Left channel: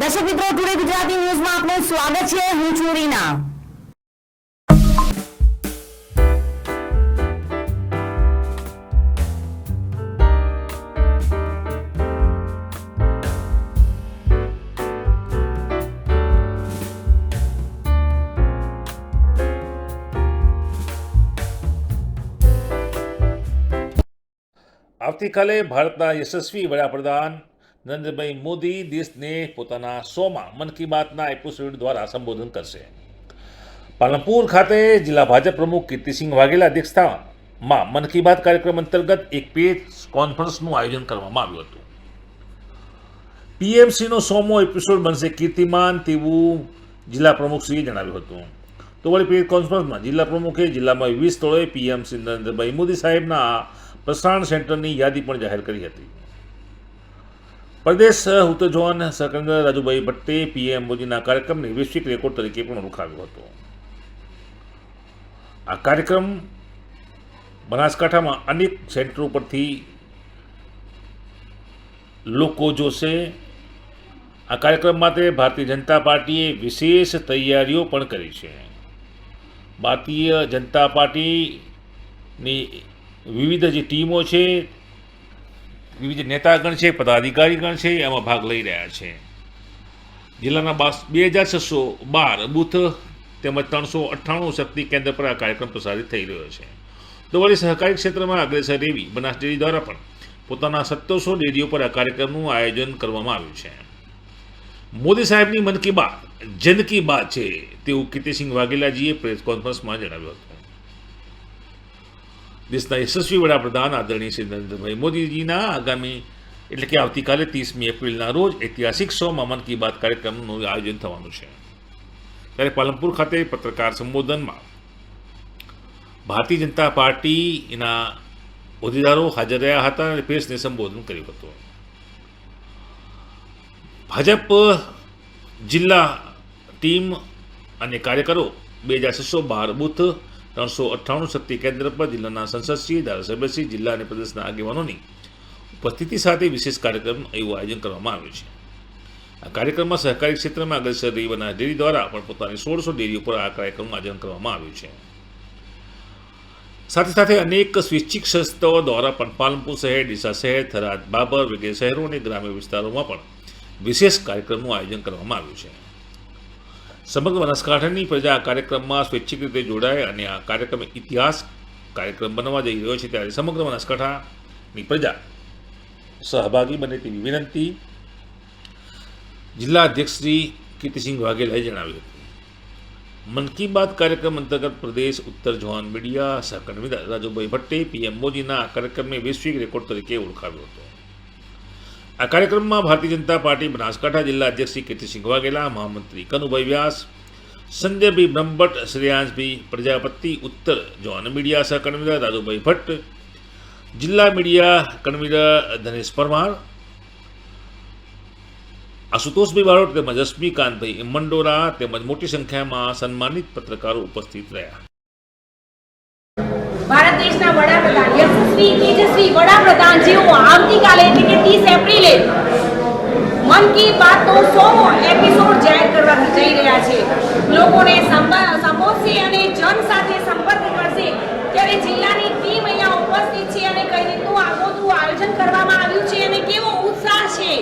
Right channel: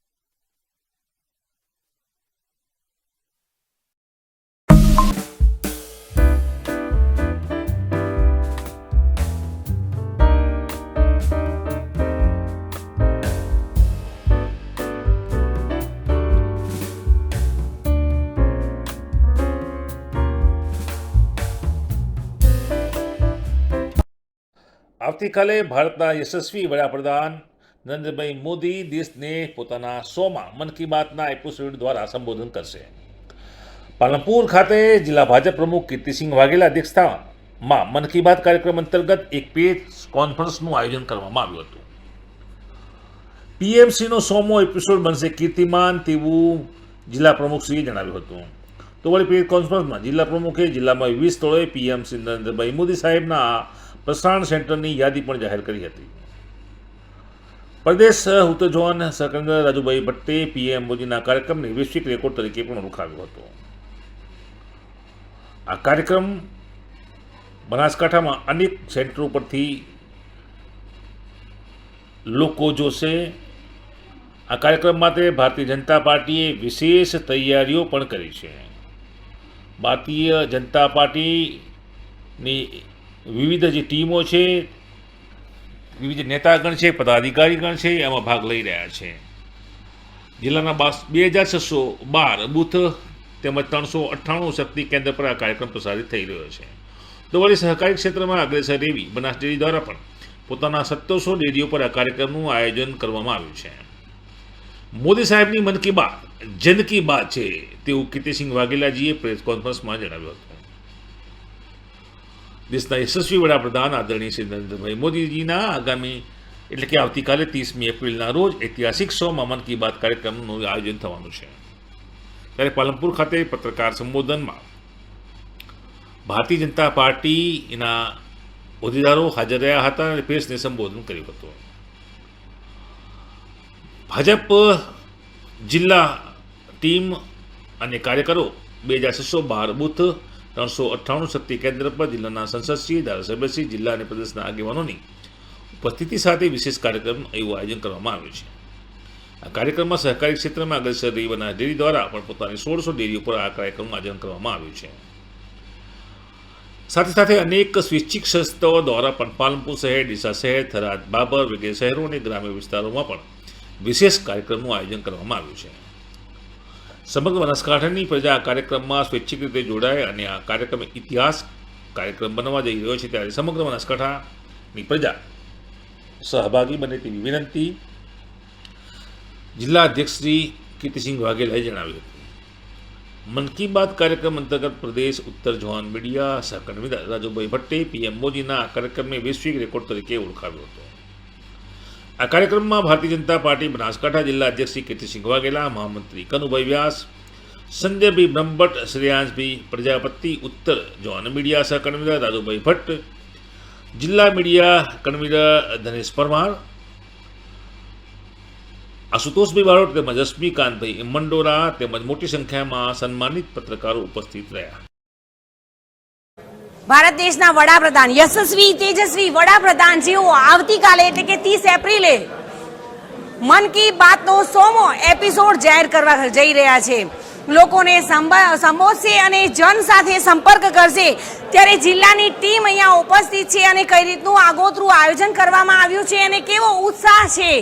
દર્શક મિત્રો, ટુડે ગુજરાતી ન્યૂઝમાં આપનું સ્વાગત છે. હું છું રીના. આવતીકાલે ભારતના યશસ્વી વડાપ્રધાન નરેન્દ્રભાઈ મોદી દેશને પોતાના 100મા મન કી બાતના એપિસોડ દ્વારા સંબોધન કરશે. પાલનપુર ખાતે જિલ્લા ભાજપ પ્રમુખ કીર્તિસિંહ વાઘેલા અધ્યક્ષતામાં મન કી બાત કાર્યક્રમ અંતર્ગત એક પ્રેસ કોન્ફરન્સનું આયોજન કરવામાં આવ્યું હતું. પીએમસીનો 100મો એપિસોડ બનશે કીર્તિમાન તેવું જિલ્લા પ્રમુખશ્રીએ જણાવ્યું હતું. તો વળી પ્રેસ કોન્ફરન્સમાં જિલ્લા પ્રમુખે જિલ્લામાં 20 સ્થળોએ પીએમસી નરેન્દ્રભાઈ મોદી સાહેબના પ્રસારણ સેન્ટરની યાદી પણ જાહેર કરી હતી. પ્રદેશ ઉત્તર ઝોન સહકન્વીનર રાજુભાઈ ભટ્ટે પીએમ મોદીના કાર્યક્રમને વૈશ્વિક રેકોર્ડ તરીકે પણ ઓળખાવ્યો હતો. આ કાર્યક્રમ બનાસકાંઠામાં અનેક સેન્ટરો પરથી લોકો જોશે. આ કાર્યક્રમ માટે ભારતીય જનતા પાર્ટીએ વિશેષ તૈયારીઓ પણ કરી છે. ભારતીય જનતા પાર્ટીની વિવિધ જે ટીમો છે, વિવિધ નેતાગણ છે, પદાધિકારીગણ છે, એમાં ભાગ લઈ રહ્યા છે. જિલ્લાના 2612 બૂથ તેમજ 398 શક્તિ કેન્દ્ર પર આ કાર્યક્રમ પ્રસારિત થઈ રહ્યો છે. તો વળી સહકારી ક્ષેત્રમાં અગ્રેસર એવી બનાસ ડેરી દ્વારા પણ પોતાના 1700 ડેરીઓ પર આ કાર્યક્રમનું આયોજન કરવામાં આવ્યું છે. મોદી સાહેબની મન કી બાત જન કી બાત છે તેવું કીર્તિસિંહ વાઘેલાજીએ પ્રેસ કોન્ફરન્સમાં જણાવ્યું હતું. દેશના યશસ્વી વડાપ્રધાન આદરણીય શ્રી નરેન્દ્રભાઈ મોદીજીના આગામી એટલે કે આવતીકાલે 30મી એપ્રિલના રોજ ઐતિહાસિક 100મા મન કી બાત કાર્યક્રમનું આયોજન થવાનું છે. ત્યારે પાલનપુર ખાતે પત્રકાર સંબોધનમાં ભારતીય જનતા પાર્ટીના હોદ્દેદારો હાજર રહ્યા હતા અને પ્રેસને સંબોધન કર્યું હતું. ભાજપ જિલ્લા ટીમ અને કાર્યકરો 2612 બૂથ 398 શક્તિ કેન્દ્ર પર જિલ્લાના સંસદશ્રી, ધારાસભ્યશ્રી, જિલ્લા અને પ્રદેશના આગેવાનોની ઉપસ્થિતિ સાથે વિશેષ કાર્યક્રમ એવું આયોજન કરવામાં આવ્યું છે. આ કાર્યક્રમમાં સહકારી ક્ષેત્રમાં અગ્રેસર રહી બનાસ ડેરી દ્વારા પણ પોતાની 1600 ડેરીઓ પર આ કાર્યક્રમનું આયોજન કરવામાં આવ્યું છે. સાથે સાથે અનેક સ્વૈચ્છિક સંસ્થાઓ દ્વારા પણ પાલનપુર શહેર, ડીસા શહેર, થરાદ, બાબર વગેરે શહેરો અને ગ્રામ્ય વિસ્તારોમાં પણ વિશેષ કાર્યક્રમનું આયોજન કરવામાં આવ્યું છે. સમગ્ર બનાસકાંઠાની પ્રજા આ કાર્યક્રમમાં સ્વૈચ્છિક રીતે જોડાય અને આ કાર્યક્રમ ઇતિહાસ કાર્યક્રમ બનવા જઈ રહ્યો છે. ત્યારે સમગ્ર બનાસકાંઠાની પ્રજા સહભાગી બને તેવી વિનંતી જિલ્લા અધ્યક્ષ શ્રી કીર્તિસિંહ વાઘેલાએ જણાવ્યું હતું. મન કી બાત કાર્યક્રમ અંતર્ગત પ્રદેશ ઉત્તર ઝોન મીડિયા સહકન્વીનર રાજુભાઈ ભટ્ટે પીએમ મોદીના આ કાર્યક્રમને વૈશ્વિક રેકોર્ડ તરીકે ઓળખાવ્યો હતો. આ કાર્યક્રમમાં ભારતીય જનતા પાર્ટી બનાસકાંઠા જિલ્લા અધ્યક્ષ શ્રી કીર્તિસિંહ વાઘેલા, મહામંત્રી કનુભાઈ વ્યાસ, સંજયભાઈ બ્રહ્મભટ્ટ, શ્રેયાંશભાઈ પ્રજાપતિ, ઉત્તર ઝોન મીડિયા સહકન્વીનર રાજુભાઈ ભટ્ટ, જિલ્લા મીડિયા કન્વીનર ધનેશ પરમાર, આશુતોષભાઈ બારોટ તેમજ રશ્મિકાંતભાઈ મંડોરા તેમજ મોટી સંખ્યામાં સન્માનિત પત્રકારો ઉપસ્થિત રહ્યા. ભારત દેશના વડાપ્રધાન યશસ્વી તેજસ્વી વડાપ્રધાન જેઓ આવતીકાલે એટલે કે 30 એપ્રિલે મન કી બાતનો 100મો એપિસોડ જાહેર કરવા જઈ રહ્યા છે. લોકોને સંબોધશે અને જન સાથે સંપર્ક કરશે. ત્યારે જિલ્લાની ટીમ અહીંયા ઉપસ્થિત છે અને કઈ રીતનું આગોતરું આયોજન કરવામાં આવ્યું છે અને કેવો ઉત્સાહ છે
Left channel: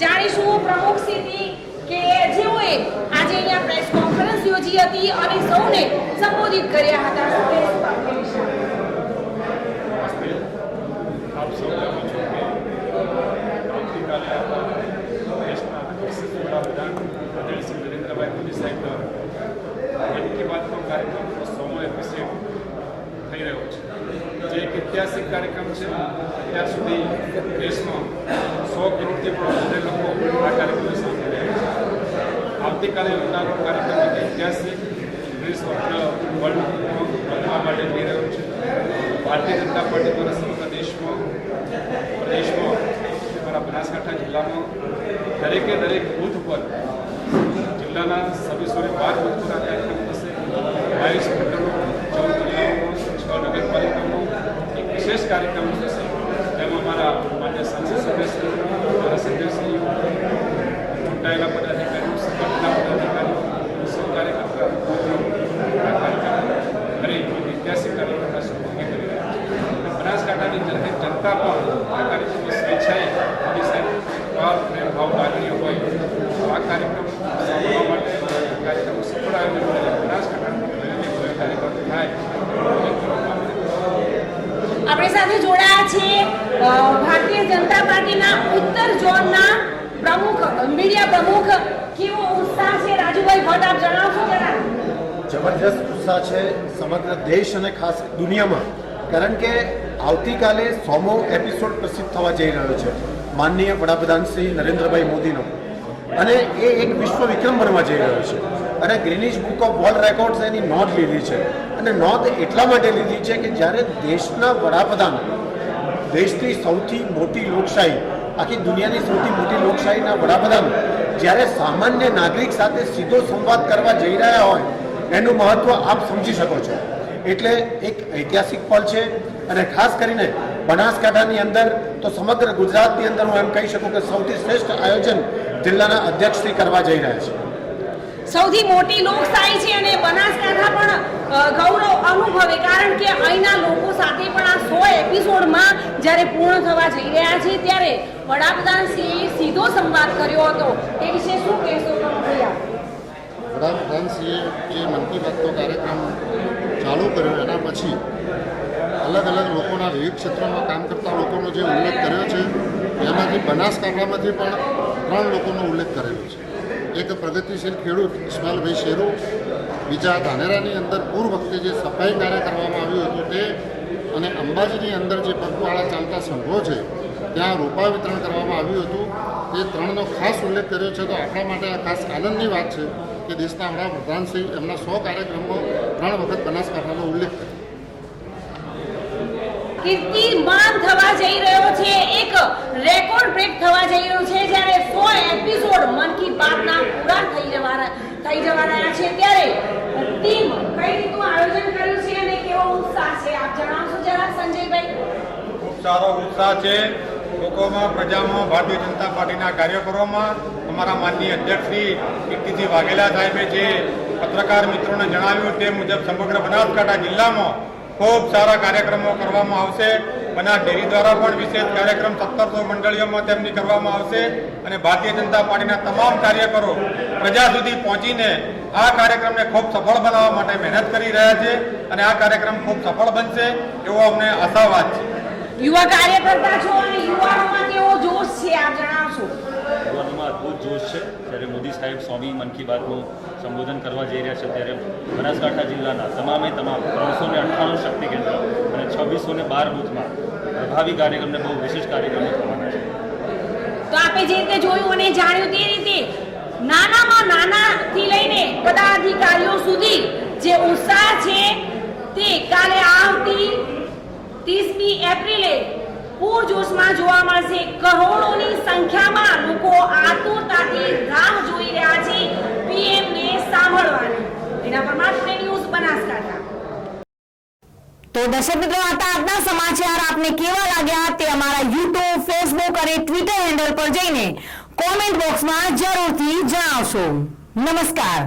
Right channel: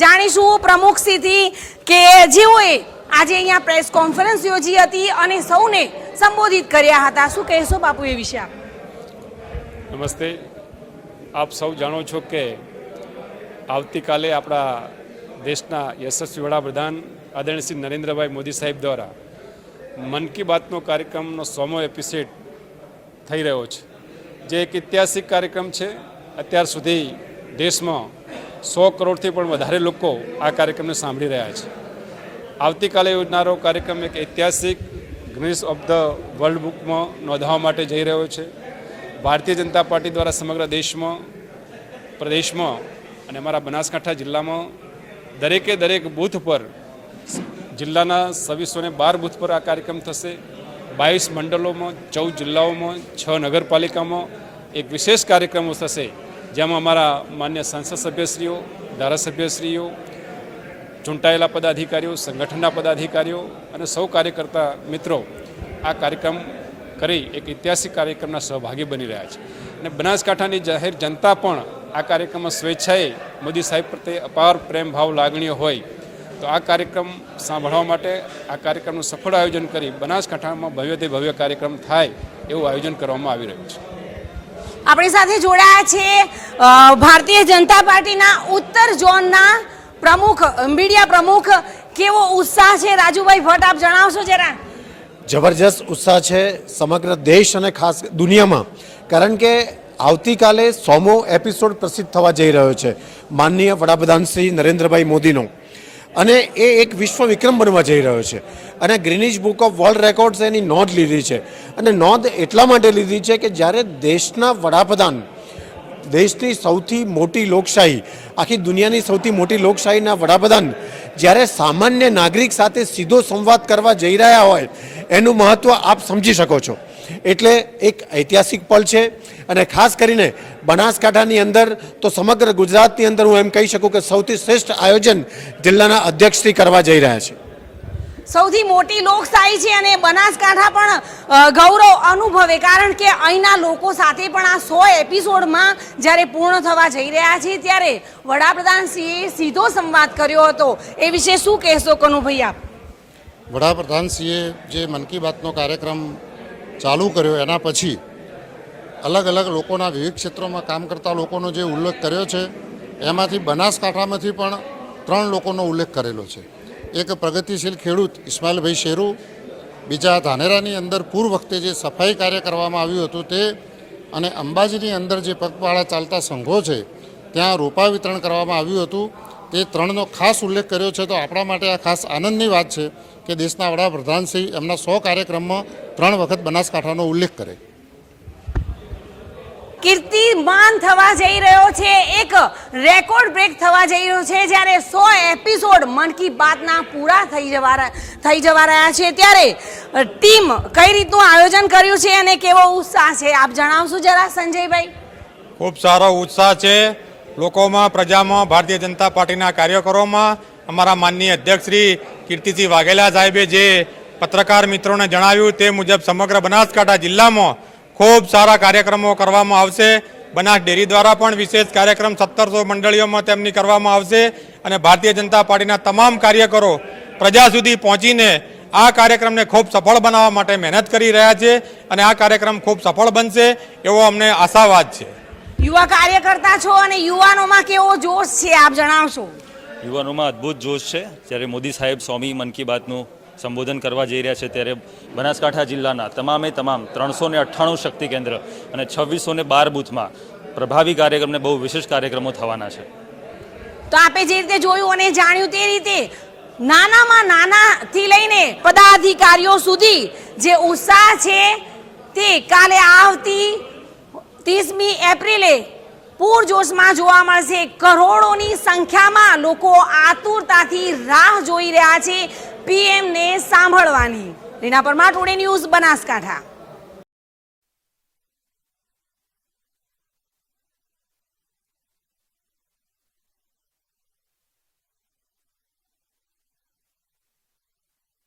જાણીશું પ્રમુખશ્રીથી કે જેઓએ આજે અહીંયા પ્રેસ કોન્ફરન્સ યોજી હતી અને સૌને સંબોધિત કર્યા હતા. શું કહેશો બાપુ એ વિશે? નમસ્તે. આપ સૌ જાણો છો કે આવતીકાલે આપણા દેશના યશસ્વી વડાપ્રધાન આદરણીય શ્રી નરેન્દ્રભાઈ મોદી સાહેબ દ્વારા મન કી બાતનો કાર્યક્રમનો 100મો એપિસોડ થઈ રહ્યો છે, જે એક ઐતિહાસિક કાર્યક્રમ છે. અત્યાર સુધી દેશમાં 100 કરોડથી પણ વધારે લોકો આ કાર્યક્રમને સાંભળી રહ્યા છે. આવતીકાલે યોજનારો કાર્યક્રમ એક ઐતિહાસિક ગિનિસ ઓફ ધ વર્લ્ડમાં નોંધવા માટે જઈ રહ્યો છે. ભારતીય જનતા પાર્ટી દ્વારા સમગ્ર દેશમાં, પ્રદેશમાં અને અમારા બનાસકાંઠા જિલ્લામાં દરેક બૂથ પર, જિલ્લાના 2612 બૂથ પર આ કાર્યક્રમ થશે. 22 મંડળોમાં, 14 જિલ્લાઓમાં, 6 નગરપાલિકામાં એક વિશેષ કાર્યક્રમો થશે, જેમાં અમારા માન્ય સંસદ સભ્યશ્રીઓ, ધારાસભ્યશ્રીઓ, ચૂંટાયેલા પદાધિકારીઓ, સંગઠનના પદાધિકારીઓ અને સૌ કાર્યકર્તા મિત્રો આ કાર્યક્રમ કરી એક ઐતિહાસિક કાર્યક્રમના સહભાગી બની રહ્યા છે. અને બનાસકાંઠાની જાહેર જનતા પણ આ કાર્યક્રમમાં સ્વેચ્છાએ મોદી સાહેબ પ્રત્યે અપાર પ્રેમ ભાવ લાગણીઓ હોય તો આ કાર્યક્રમ સાંભળવા માટે આ કાર્યક્રમનું સફળ આયોજન કરી બનાસકાંઠામાં ભવ્યથી ભવ્ય કાર્યક્રમ થાય એવું આયોજન કરવામાં આવી રહ્યું છે. આપણી સાથે જોડાયા છે ભારતીય જનતા પાર્ટીના ઉત્તર ઝોનના પ્રમુખ, મીડિયા પ્રમુખ. કેવો ઉત્સાહ છે રાજુભાઈ ભટ્ટ, આપ જણાવશો જરા? જબરજસ્ત ઉત્સાહ છે સમગ્ર દેશ અને ખાસ દુનિયામાં, કારણ કે આવતીકાલે 100મો એપિસોડ પ્રસિદ્ધ થવા જઈ રહ્યો છે માનનીય વડાપ્રધાન શ્રી નરેન્દ્રભાઈ મોદીનો, અને એ એક વિશ્વ વિક્રમ બનવા જઈ રહ્યો છે. અને Greenwich book of world records એની નોંધ લીધી છે. અને નોંધ એટલા માટે લીધી છે કે જ્યારે દેશના વડાપ્રધાન, દેશની સૌથી મોટી લોકશાહી, આખી દુનિયાની સૌથી મોટી લોકશાહીના વડાપ્રધાન જ્યારે સામાન્ય નાગરિક સાથે સીધો સંવાદ કરવા જઈ રહ્યા હોય એનું મહત્ત્વ આપ સમજી શકો છો. એટલે એક ઐતિહાસિક પલ છે. અને ખાસ કરીને બનાસકાંઠાની અંદર તો સમગ્ર ગુજરાતની અંદર હું એમ કહી શકું કે સૌથી શ્રેષ્ઠ આયોજન જિલ્લાના અધ્યક્ષશ્રી કરવા જઈ રહ્યા છે. સૌથી મોટી લોકશાહી છે અને બનાસકાંઠા પણ ગૌરવ અનુભવે, કારણ કે અહીંના લોકો સાથે પણ આ 100 એપિસોડમાં જ્યારે પૂર્ણ થવા જઈ રહ્યા છે ત્યારે વડાપ્રધાનશ્રીએ સીધો સંવાદ કર્યો હતો. એ વિશે શું કહેશો કનુભાઈ આપ? વડાપ્રધાનશ્રીએ જે મન કી બાતનો કાર્યક્રમ ચાલુ કર્યો એના પછી અલગ અલગ લોકોના વિવિધ ક્ષેત્રોમાં કામ કરતા લોકોનો જે ઉલ્લેખ કર્યો છે એમાંથી બનાસકાંઠામાંથી પણ 3 લોકોનો ઉલ્લેખ કરેલો છે. એક પ્રગતિશીલ ખેડૂત ઇસ્માઇલભાઈ શેરુ, બીજા ધાનેરાની અંદર પૂર વખતે જે સફાઈ કાર્ય કરવામાં આવ્યું હતું તે, અને અંબાજીની અંદર જે પગપાળા ચાલતા સંઘો છે ત્યાં રોપા વિતરણ કરવામાં આવ્યું હતું. તે 3નો ખાસ ઉલ્લેખ કર્યો છે. તો આપણા માટે આ ખાસ આનંદની વાત છે કે દેશના વડાપ્રધાનશ્રી એમના 100 કાર્યક્રમમાં 3 વખત બનાસકાંઠાનો ઉલ્લેખ કરે. કીર્તિમાન થવા જઈ રહ્યો છે, એક રેકોર્ડ બ્રેક થવા જઈ રહ્યો છે જ્યારે 100 એપિસોડ મન કી બાતના પૂરા થઈ જવા રહ્યા છે ત્યારે ટીમ કઈ રીતનું આયોજન કર્યું છે અને કેવો ઉત્સાહ છે આપ જણાવશો જરા સંજયભાઈ? ખૂબ સારો ઉત્સાહ છે લોકોમાં, પ્રજામાં, ભારતીય જનતા પાર્ટીના કાર્યકરોમાં. અમારા માનનીય અધ્યક્ષ શ્રી કીર્તિસિંહ વાઘેલા સાહેબે જે પત્રકાર મિત્રોને જણાવ્યું તે મુજબ સમગ્ર બનાસકાંઠા જિલ્લામાં ખૂબ સારા કાર્યક્રમો કરવામાં આવશે. બનાસ ડેરી દ્વારા પણ વિશેષ કાર્યક્રમ 1700 મંડળીઓમાં તેમની કરવામાં આવશે. અને ભારતીય જનતા પાર્ટીના તમામ કાર્યકરો પ્રજા સુધી પહોંચીને આ કાર્યક્રમને ખૂબ સફળ બનાવવા માટે મહેનત કરી રહ્યા છે અને આ કાર્યક્રમ ખૂબ સફળ બનશે એવો અમને આશાવાદ છે. યુવા કાર્યકર્તા છો અને યુવાનોમાં કેવો જોશ છે આપ જણાવશો? યુવાનોમાં અદ્ભુત જોશ છે. જ્યારે મોદી સાહેબ 100મી મન કી બાતનું સંબોધન કરવા જઈ રહ્યા છે ત્યારે બનાસકાંઠા જિલ્લાના તમામ 398 શક્તિ કેન્દ્ર અને 2612 બૂથમાં પ્રભાવી કાર્યક્રમને બહુ વિશેષ કાર્યક્રમો થવાના છે. તો આપે જે રીતે જોયું અને જાણ્યું તે રીતે નાનામાં નાનાથી લઈને પદાધિકારીઓ સુધી જે ઉત્સાહ છે તે કાલે આવતી 30મી એપ્રિલે પૂરજોશમાં જોવા મળશે. કરોડોની સંખ્યામાં લોકો આતુરતાથી રાહ જોઈ રહ્યા છે પીએમને સાંભળવાની. એના પર ટુડે ન્યૂઝ બનાસકાંઠા. તો દર્શક મિત્રો, હતા આજના સમાચાર. આપને કેવા લાગ્યા તે અમારા યુટ્યુબ, ફેસબુક અને ટ્વિટર હેન્ડલ પર જઈને કોમેન્ટ બોક્સમાં જરૂરથી જણાવશો. નમસ્કાર.